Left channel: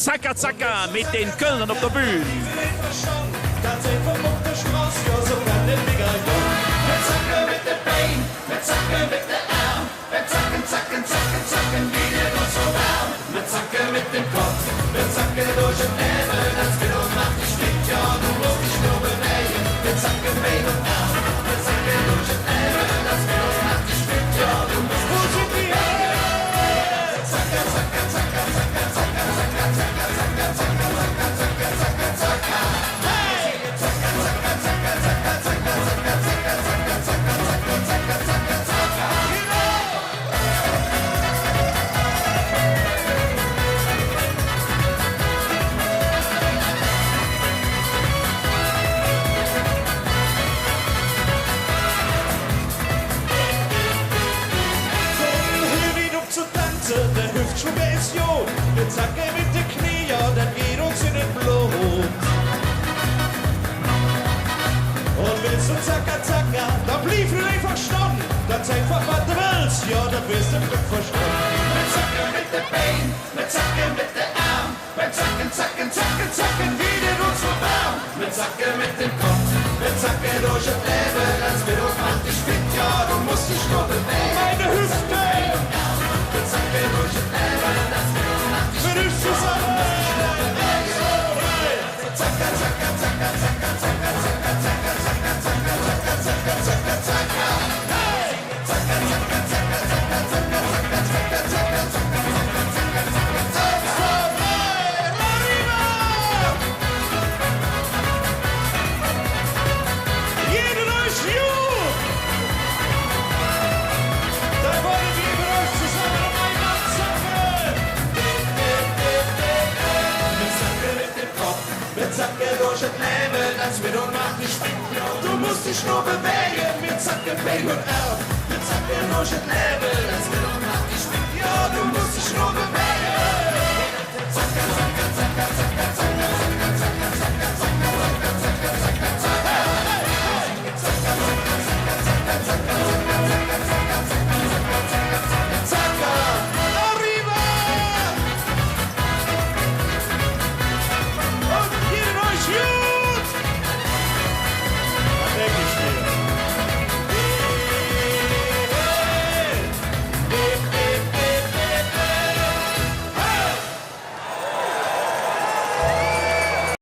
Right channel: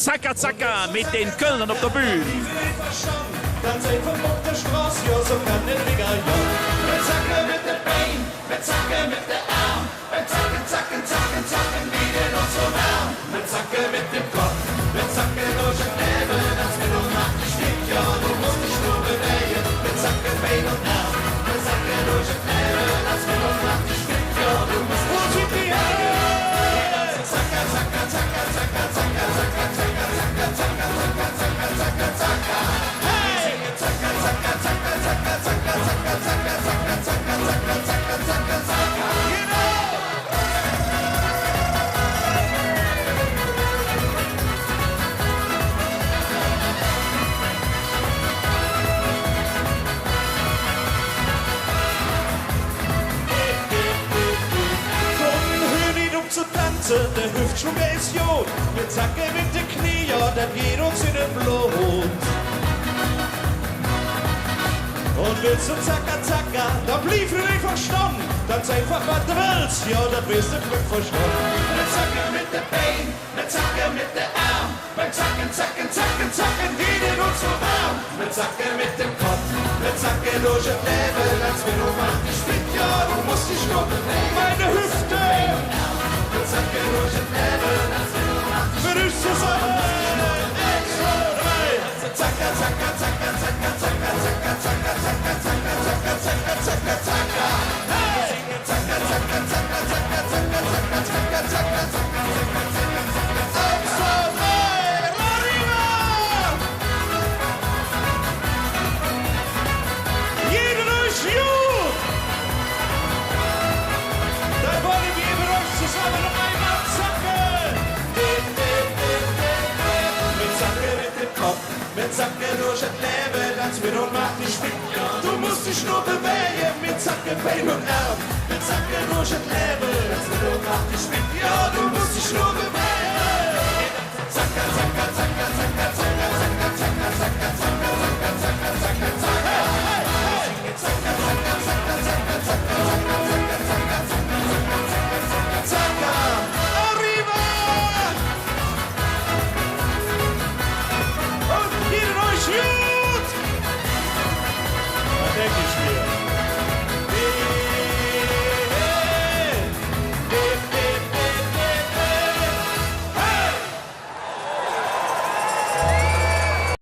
Zacka Zacka mit den Kölnern auf der Bühne. Ganz einfach auf der Straße, ja, so kann nicht mega, ja. Wir zacken mit den Beinen, wir zacken mit den Arm, wir zacken, zacken, zacken, zacken, wie den uns so warm. Wir zacken mit dem Kopf, wir zacken durch den Nebel, das Kilo macht dich fit, ja, du musst dich nur bewegen. Wir zacken Bein und Arm, wir zacken durch den Nebel, das Kilo macht dich fit, ja, du musst. Wo sind die Hände? Zacka, zacka, zacka, zacka, zacka, zacka, zacka, zacka, zacka, zacka, zacka, zacka, zacka. Hey! Zacka, zacka, zacka, zacka, zacka, zacka, zacka, zacka, zacka, zacka, zacka, zacka, zacka. Genau! Zu tanzen, der Hüftschwung ist Jod. Wir zacken mit den Knie, ja, das geht uns in den Blut. Und willst du zacka zacka, dann blieb du nicht verstanden. Dann einfach, was du willst, ja, das wirst du Glück verstanden. Wir zacken mit den Beinen, wir zacken mit den Arm. Wir zacken, zacken, zacken, zacken, geht in uns so warm. Wir zacken mit dem Kopf, wir zacken durch das Leben. Als wir uns macht dich fit, ja, du musst dich nur bewegen. Meine Hüfte! Wir zacken durch das Leben, wir uns zusammen, 1, 2, 3. Zacka, zacka, zacka, zacka, zacka, zacka, zacka, zacka, zacka, zacka, zacka, zacka, zacka. Hey! Zacka, zacka, zacka, zacka, zacka, zacka, zacka, zacka, zacka, zacka, zacka, zacka. 1, 2, 3, arriba! Jeder durch gut! Dann wollen wir mit euch zusammen noch einmal zacken. Dip, dip, dip, dip, dip. Wir zacken mit dem Kopf, wir zacken durch das Leben, als wir und macht dich fit. Du musst dich nur bewegen, wir zacken Bein und Arm. Wir zacken durch das Leben, als wir und macht dich fit. Ja, du musst dich nur bewegen. Zacka, zacka, zacka, zacka, zacka, zacka, zacka, zacka, zacka, zacka, zacka, zacka, zacka. Hey, hey, hey. Zacka, zacka, zacka, zacka, zacka, zacka, zacka, zacka, zacka. Zacka, arriba! Und jeder euch gut! Da denke ich mir.